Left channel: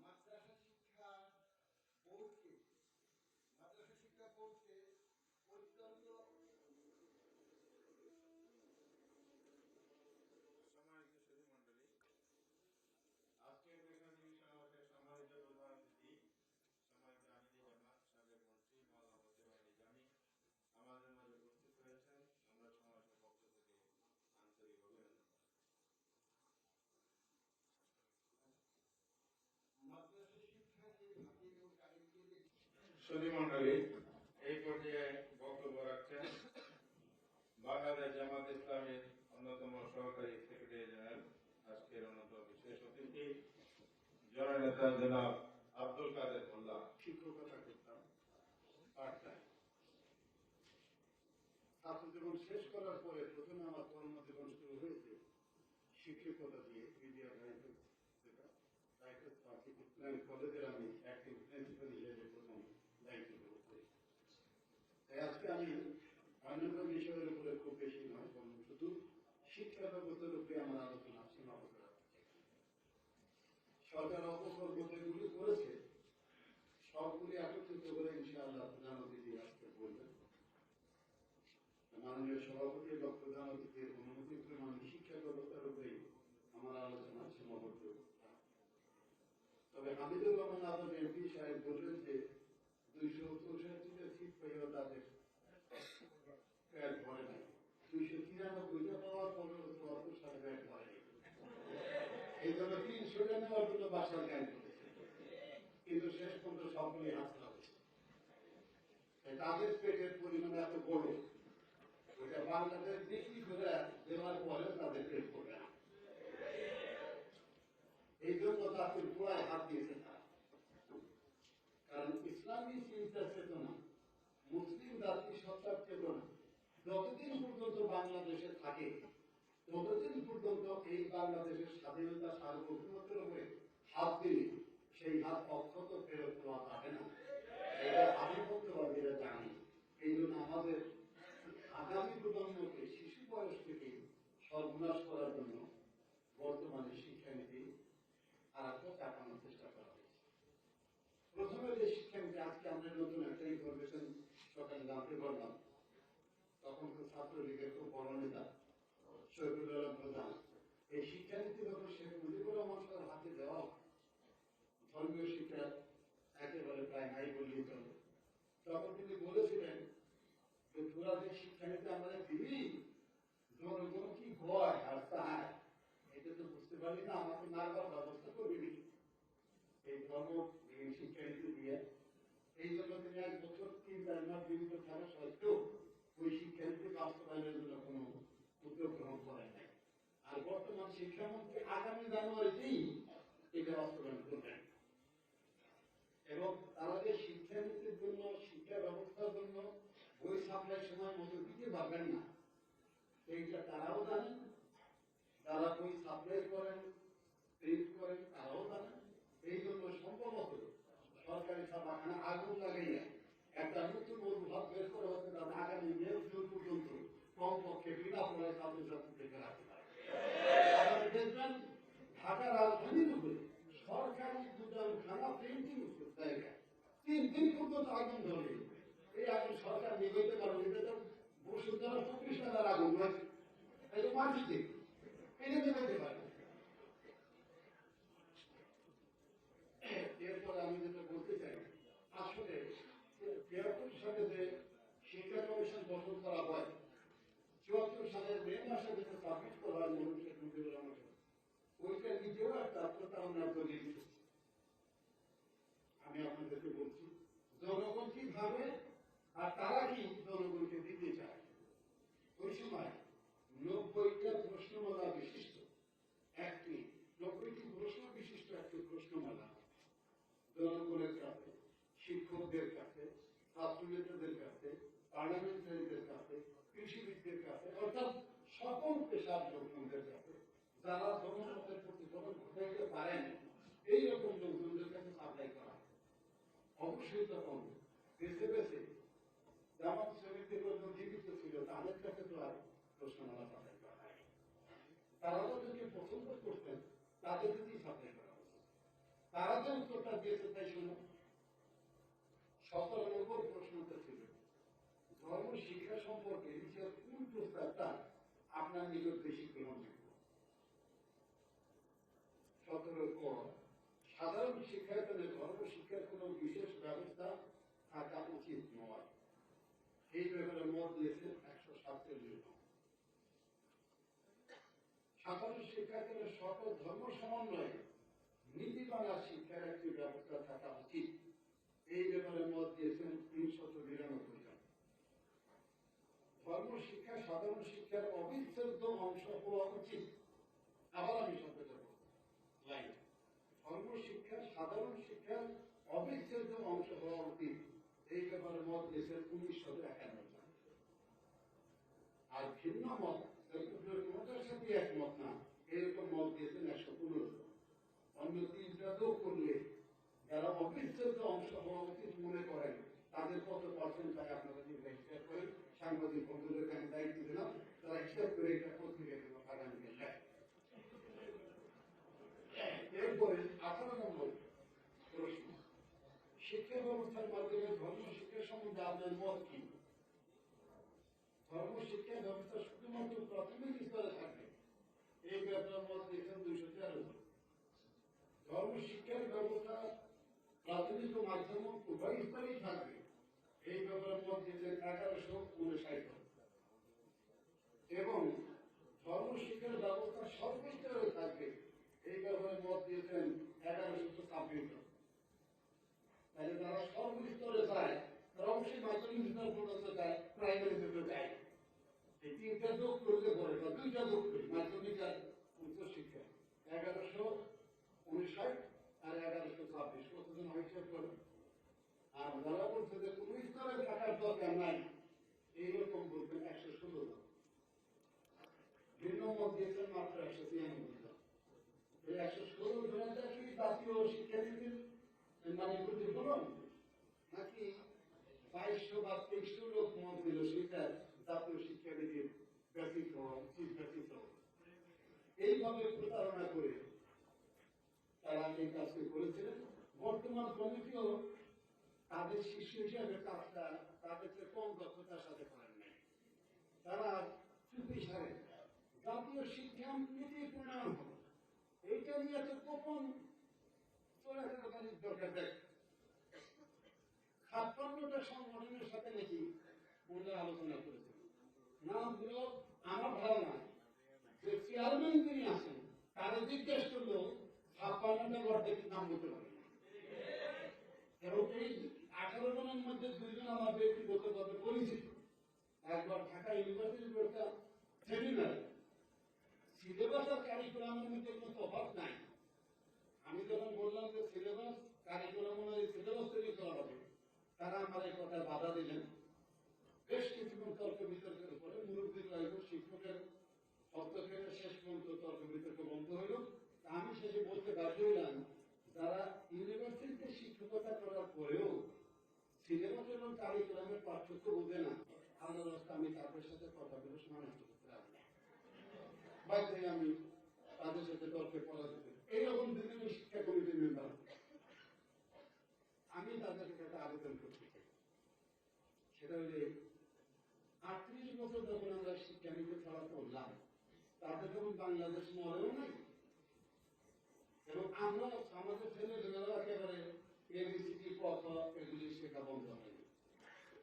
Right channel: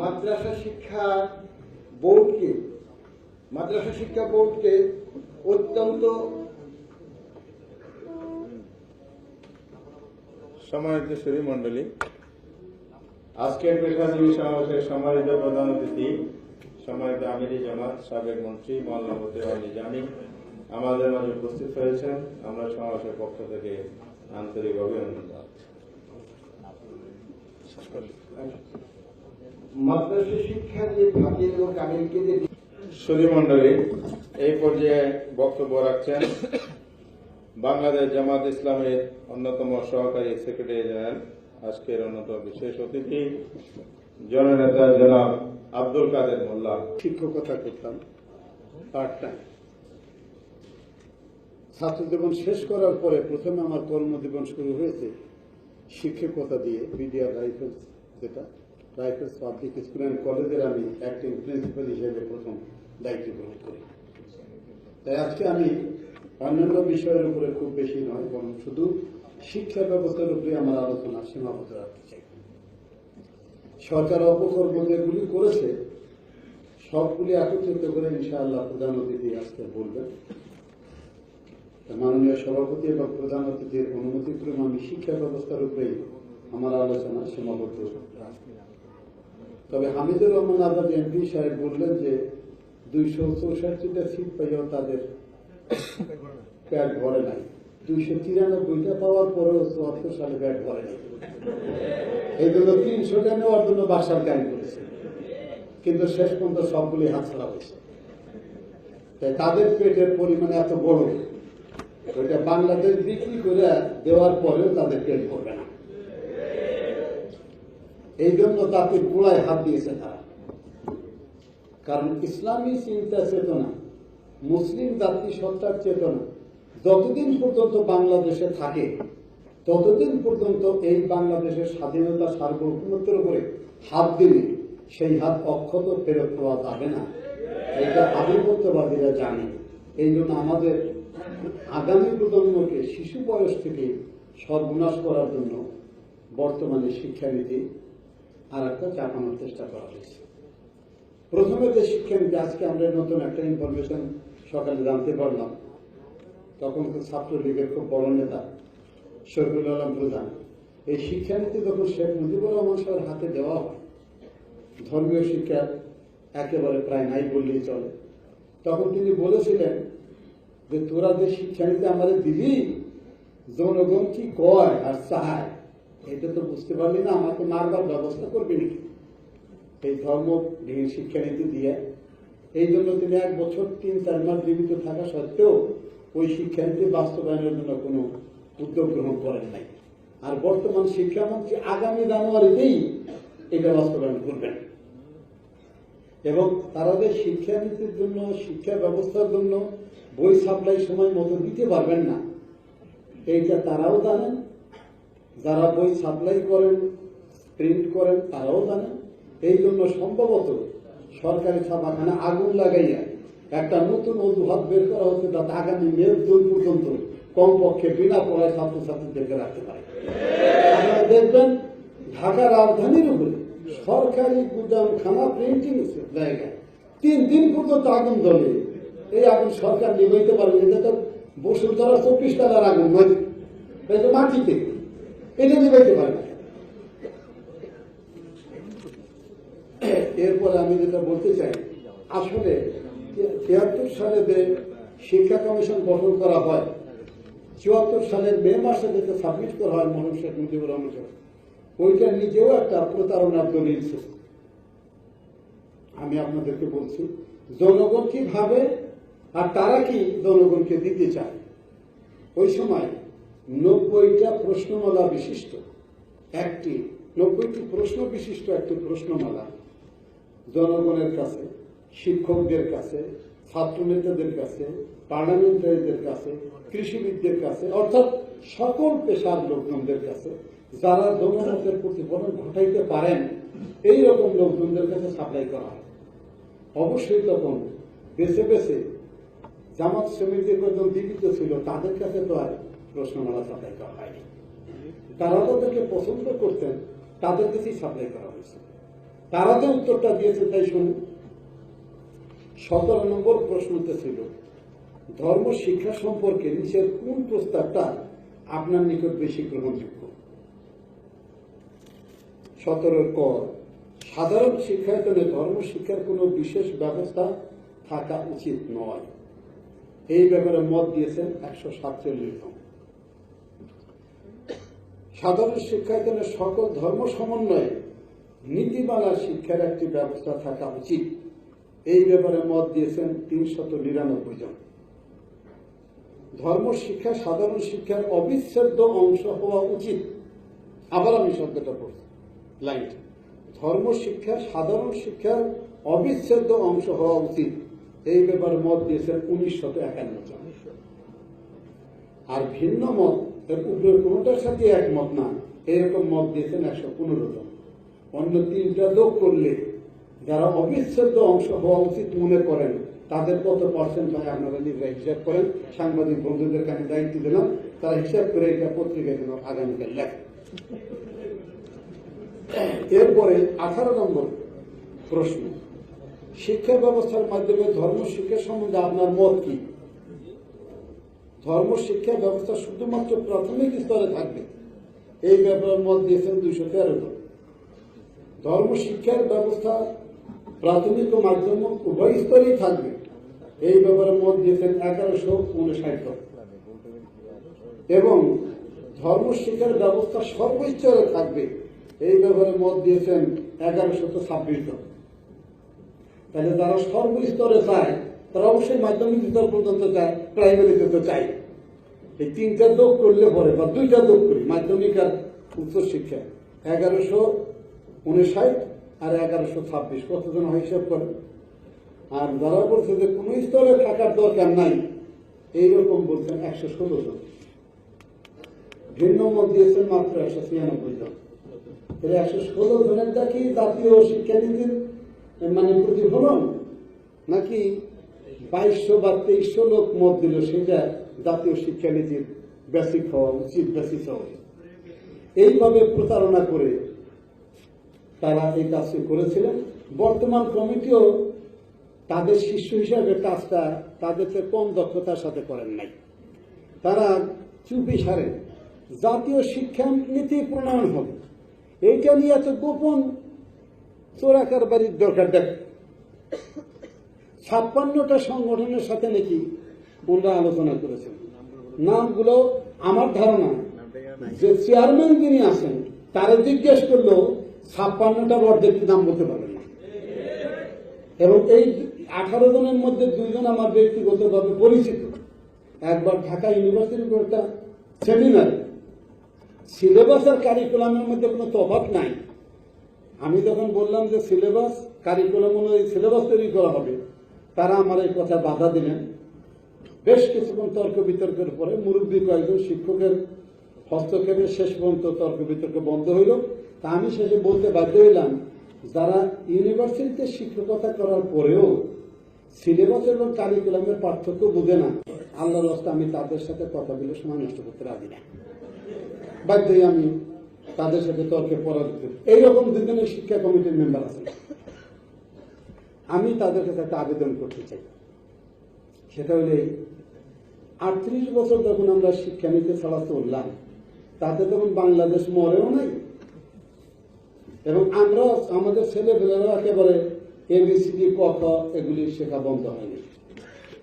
মাদ্রাসা শিক্ষা বোর্ডকে অত্যন্ত সম্মানিত সুধী মণ্ডলী, আজকের প্রেক্ষাজীবী সমাবেশের সম্মানিত প্রধান অতিথি, সম্মানিত আমিরি জামাত সাবেক মন্ত্রী মাওলানা মতিউর আলী জানি আমাদের মাঝে উপস্থিত হয়েছেন। আমরা সমাবেশের পক্ষ থেকে আন্তরিক অভিনন্দন জানাচ্ছি। মাদ্রাসা শিক্ষা যে ফাজিল ও কামিলকে যে সুধী মণ্ডলী, এই পর্যায়ে বক্তব্য রাখছেন বাংলাদেশ জামাত ইসলামের অন্যতম সহকারী সেক্রেটারি জেনারেল, আজকের অন্যতম বিশেষ অতিথি জননেতা জনাব আব্দুল কাদের মোল্লা। শিক্ষকতা করতাম পার্ট টাইম। ছাত্র জীবন শেষ করার পরে প্রথমে আমার কর্মজীবন শুরু হয়েছে শিক্ষকতা দিয়ে। বিডিআর রাইফেলস, যেটা রাইফেলস পাবলিক স্কুল অ্যান্ড কলেজের আমি অ্যাক্টিং প্রিন্সিপাল হিসেবে প্রথম দায়িত্ব গ্রহণ করি। তাই আজকে আমি অন্যান্য বিষয়ের উপরে খুব বেশি নয়, বরং শুধু শিক্ষা ব্যবস্থার উপরে আমার আলোচনা সীমাবদ্ধ রাখতে চাই। সরকার অপকর্ম যেগুলি করেছে সবগুলি একত্রিত করে ইনশাআল্লাহ প্রধান অতিথি আজকে বলবেন। মাননীয় সভাপতি এবং প্রধান অতিথির অনুমতিক্রমে আমি শিক্ষা ব্যবস্থার উপরেই আমার আলোচনা সীমাবদ্ধ রাখি। তবে হামিদুর রহমান আজাদ এমপি সাহেব বললেন যে 264টা সিট পাইও তাদের প্যাড ভরে নাই, 293টা পাওয়ার পরেও 74 সালে প্যাড ভরে নাই। এই জন্য 300টা নেওয়ার জন্য বাসার গান করেছে, কিন্তু শেষ পর্যন্ত সবগুলি হাতছাড়া হয়েছে। তাই তাদের পেটের পরিমাণ এত বড়, ওইটা বাংলাদেশ বিক্রি করে দেওয়ার পরেও তাদের পেট ভরবে না। এই জন্য তাদের গোড়ায় হাত দিয়েছে তারা। কারণ ইসলামী চিন্তা চেতনা, মুসলিম জাতি সত্তার চেতনা যতদিন পর্যন্ত বাংলাদেশে থাকে ততদিন পর্যন্ত এই বাংলাদেশের স্বাধীনতা সার্বভৌমত্বের উপরে হাত দিলে সেই হাত অক্ষত ফেরত পাওয়া যাবে না। এটা আধিপত্যবাদীরা জানে। এই জন্য আমাদের আগামী প্রজন্মকে শিশু বয়স থেকে সর্বনাশ করার জন্য বর্তমানে শিক্ষানীতি আর একটা চাপানোর চেষ্টা করা হয়েছে। প্রথমে যে শিক্ষানীতি, আজকে আমরা নতুন একটা ইনফরমেশন সকালে জানতে পারলাম, তখন তো ছাত্রলীগের খুব বড় নেতা শফিউল আলম প্রধান, এই শিক্ষানীতি যখন শেখ মুজিবুর রহমান সাহেবের হাতে দেওয়া হয়, ধর্মীয় শিক্ষা একেবারে প্রায় নাই বললেই চলে, তখন তিনি বলেছিলেন যে তোরা যে শিক্ষানীতি আমাদের দিবি, জনগণ কি কয় আর চায় এটা তো বুঝতে পারলি না, আমাকে মারবার ব্যবস্থা করবি নাকি এই ধর্মবিহীন শিক্ষানীতি দিয়ে। এই জন্য তিনি 1 বছর 3-4 মাস জীবিত থাকা সত্ত্বেও ওই শিক্ষানীতি বাস্তবায়নের জন্য কোনো উদ্যোগ গ্রহণ করেন নাই। আর বর্তমান শিক্ষামন্ত্রী আগামী জানুয়ারিতেই এটা বাস্তবায়ন করবেন। এবং তারা যে শিক্ষানীতির জন্য, শিক্ষা ব্যবস্থার জন্য বই সাপ্লাই সময় মতো দিতে পারবেন না, এইটা তারাও জানেন। যারা বই সাপ্লাই করেন, প্রিন্ট করেন, তারাও জানেন। এই জন্য সম্ভবত সরকারি ছাপাখানা আগুন লাগাইয়া একটা নতুন অজুহাত বের করা হচ্ছে, যাতে আগামী মে 2 পর্যন্ত কমপক্ষে বিনা পড়ায় ছাত্রছাত্রীদেরকে রাখতে পারে। আপনারা দেখবেন ঢাকা রাজধানীর উপরে সরকারি গুদামখানা প্রিন্টিং জায়গায় 3 দিন পর্যন্ত আগুন জ্বলে। এই আগুন সরকার নিভাইতে পারবে, এটা তো বসুন্ধরা 24 তলার আগুন নয়, এটা মাটিতে, এটা নিভাইতে পারবে। এরপরে আমি যেটা বলতে চাই, আসলে 73 সালে যে শিক্ষা কমিশন গঠন করা হয়, 74 সালের মে মাসে যেটা সাবমিট করা হয় মরহুম শেখ মুজিবুর রহমান সাহেব, ওইটা নিজেও একটা প্রতারণার দলিল ছিল। আমি আপনাদেরকে বলছি জনগণ কি ভাবে আর তারা কি জনগণকে দিতে চায়। ওই সময় 90টা প্রশ্নমালা বিশিষ্ট একটি 90টি প্রশ্ন বিশিষ্ট একটি প্রশ্নমালা জনগণের কাছে, শিক্ষকদের কাছে, ছাত্র নেতাদের কাছে, পার্লামেন্টারিদের কাছে, কৃষিবিদদের কাছে, অর্থাৎ সকল পেশার লোকজনদের কাছে, যারা জনমতের প্রতিফলন ঘটাইতে পারেন এই রকম লোকজনদের কাছে সাপ্লাই করা হয়। অবশ্যই তখন বেছে বেছে জামাত সমিতি কজন জীবিত ছিল তাদের কাছে তো আর প্রশ্নমালা সাপ্লাই করা হয়নি। তারা তাদেরকে পছন্দ করতেন, তাদের কাছেই সাপ্লাই করা হয়েছে। তারা যে উত্তরটা দিয়েছে তাই শুনুন। 17 নম্বর প্রশ্নতে ছিল ধর্ম শিক্ষা সম্পর্কে নিচের কোন প্রস্তাবটা আপনার নিকট বেশি গ্রহণযোগ্য? 17 ক, সাধারণ শিক্ষায়তনে ধর্ম শিক্ষার কোনো বিশেষ ব্যবস্থা থাকা উচিত নয়। এই ব্যাপারে মত দিয়েছেন 147 জন। সাধারণ শিক্ষায়তনে সকল ধর্ম সমন্বয়ে নীতিমালা শিক্ষার একটি ব্যবস্থা থাকা উচিত। এই ব্যাপারে মত দিয়েছেন 399 জন। ধর্ম শিক্ষা সাধারণ শিক্ষার অবিচ্ছেদ্য অংশ হওয়া উচিত। আবার আমি শব্দটা পড়ছি, লাইন। ধর্ম শিক্ষা সাধারণ শিক্ষার অবিচ্ছেদ্য অংশ হওয়া উচিত। এই ব্যাপারে মত দিয়েছেন 1951 জন। আর ভিন্ন মত, এর উপরে কোনোটার সাথে একমত না, এরকম মত দিয়েছেন 115 জন। অন্য 3টা যোগ করলে যারা অবিচ্ছেদ্য অংশ হওয়া উচিত মনে করেন তাদের কত পার্সেন্ট হয় আপনারা নিজেরা হিসাব করেন। সাংবাদিক বন্ধুদেরকে আমি দায়িত্ব দিলাম, তারা হিসাব করে এটা পত্রিকায় যেন আগামীকাল লেখে। এরপরে 18 নম্বর প্রশ্ন, শিক্ষা ব্যবস্থার মাধ্যমে ধর্ম শিক্ষা সম্বন্ধে আপনার মত কি? ধর্ম শিক্ষা ব্যবস্থা শুধুমাত্র প্রাথমিক স্তরে থাকবে, এই ব্যাপারে মত দিয়েছেন 213 জন। ধর্ম শিক্ষার ব্যবস্থা প্রাথমিক ও মাধ্যমিক উভয় স্তরেই থাকবে, এই ব্যাপারে মত দিয়েছেন 1159 জন। এবং ধর্ম শিক্ষার ব্যবস্থা সর্বস্তরে থাকবে, এই ব্যাপারে মত দিয়েছেন 1126 জন। তাহলে যারা সর্বস্তরে চায় তারা অবশ্যই মাধ্যমিক স্তর পর্যন্ত চায়, প্রাইমারিতে তো চায়। এই 3টা যোগ করলে পরে বা 2টা যোগ করি, মাধ্যমিক আর উচ্চ শিক্ষা, 1159 আর 1126, কতজন হয় হিসাব করেন। আর যারা বলছে যে কোন স্তরে থাকার দরকার নাই, এইরকম বলছেন 116 জন। ভিন্ন মত দিয়েছেন মাত্র 196 জন। 116 জনেরটা কি জাতীয় শিক্ষানীতির মানে প্রতিফলন, নাকি 2200 বা 2300 লোক মত দিল সেটা জাতীয় শিক্ষানীতির বেসিক হওয়া উচিত, বেসিক হওয়া? এইভাবে প্রতারণা করে তারা এই কাজটি করেছিলেন। বর্তমান কমিটিও তাদের শিষ্য হিসাবে কাজটা তাদের চেয়ে কম দক্ষতার সাথে করেন নাই। তারা চুপি সারেন জাতীয় শিক্ষা নীতি প্রণয়ন হবে, এইটা নিয়ে এত গোপন চোরাকার বাড়ির দরকার দেখ। 56টা সংগঠনের সাথে নাকি ওনারা আলোচনা করেছেন। নামগুলো আমার ধারণা যে চেয়ারম্যান যিনি আছেন তারা জিজ্ঞেস করলেও 56টার অর্ধেক নাম বলতে পারবেন না। এবং এই 18 জনের মধ্যে 2 জন আমার ব্যক্তিগতভাবে পরিচিত। একবার ঢাকা ইউনিভার্সিটির একটা সেমিনার, সিলেবাস আর কারিকুলামের মধ্যে কোনো তফাৎ নাই। আমি তখন বললাম যে সিলেবাস কারিকুলাম অনুযায়ী সিলেবাস তৈরি করা হবে, তারা আমার এই কথা বাধা দিলেন। বেশ কিছুক্ষণ তর্ক বিতর্কের পরে মুরব্বী কয়েকজন শিক্ষকের হস্তক্ষেপে শেষ পর্যন্ত তর্ক বিতর্ক বন্ধ হইল। তা আমি শেষে বলতে বাধ্য হইলাম, যারা ইউনিভার্সিটিতে শিক্ষকতা করার পরেও সিলেবাস এবং কারিকুলামের পার্থক্য বুঝে না, আল্লাহর রাস্তায় আমি তাদের সাথে কথা বলে সময় নষ্ট করতে রাজি না। বাধ্যই আমি তাদের সাথে তর্কে পরাজিত। এইরকম 2 জনের শিক্ষা কমিটির মেম্বার আছেন। আমি তাদের কাছে একটা আবেদন করতে চাই, সেটা হলে 38 বছর যখন আমরা শিক্ষানীতি ছাড়া চললাম, তাতে তখন বাংলাদেশ মরেও নাই এবং আমরা আমাদের ছেলেপেলেরাও একেবারে এবিসিডি ক খ এগুলি শেখা বন্ধ হয়নি।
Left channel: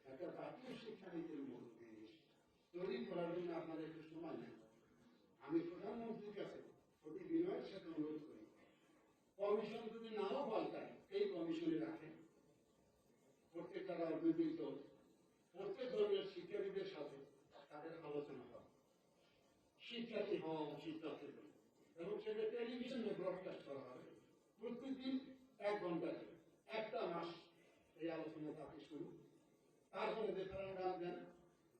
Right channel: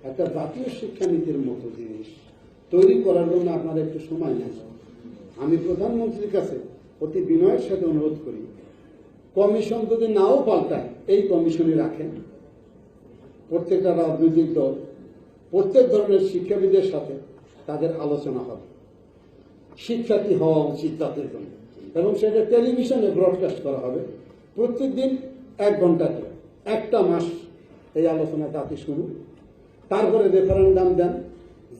একটা জাতীয় শিক্ষানীতির মতো জিনিস তৈরি করার জন্য আপনারা একটু সময় নেন। আমি প্রধানমন্ত্রীর কাছে অতি বিনয়ের সাথে অনুরোধ করি, কমিশন যদি নাও পাল্টায় এই কমিশনে রাখেন। প্রত্যেকটা রাজনৈতিক দল প্রত্যেক ধরনের শিক্ষাবিদের সাথে তাদের আলোচনা হবে, শিক্ষা কি হওয়া উচিত তাদের জন্য, এবং সেটা টেলিভিশনে ব্রডকাস্ট করা হবে প্রত্যেকদিন 1 ঘন্টা করে। 1টা মাস এই আলোচনা জাতি শুরু, তারপরে রেফারেন্ডাম দেন,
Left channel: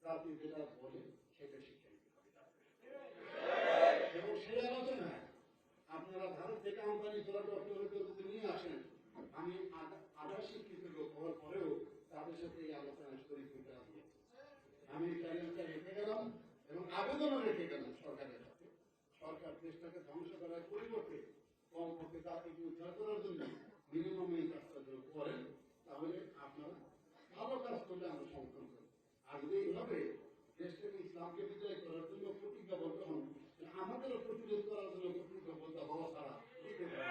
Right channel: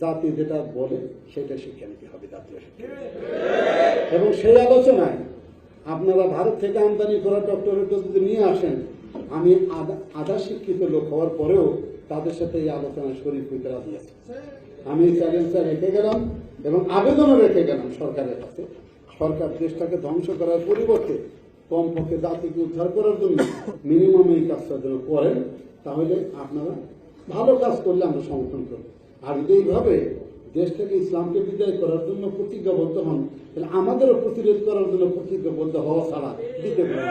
জাতি যেটা বলে সেটা শিক্ষানীতি হবে, জাতীয় শিক্ষা। এবং সেই আলোচনায় আপনারা ভারত থেকে আমদানি করা ডক্টরেট যদি নিয়ে আসেন, আমি আধা শিক্ষিত লোক হওয়ার পরেও তাদের সাথে এই আলোচনায় শরীর হইতে রাজি আছি। আমি চ্যালেঞ্জটা রেখে গেলাম এবং আবেদনও রেখে গেলাম সরকারের কাছে। সরকার দেশটাকে ধ্বংস করার পরিবর্তে কমপক্ষে জাতিকে উদ্ধার করার জন্য মিনিমাম এই কাজটা যেন করেন, তাহলে আপনারা ভালো কাজ করলে আমরা সমর্থন করব। আর যদি এইভাবে দেশ থেকে ইসলামকে বিদায় করার জন্য প্রতিজ্ঞাবদ্ধ হন, তাহলে আমাদেরও প্রতিরোধ করার জন্য প্রতিজ্ঞাবদ্ধ হওয়া ছাড়া দিতে পারে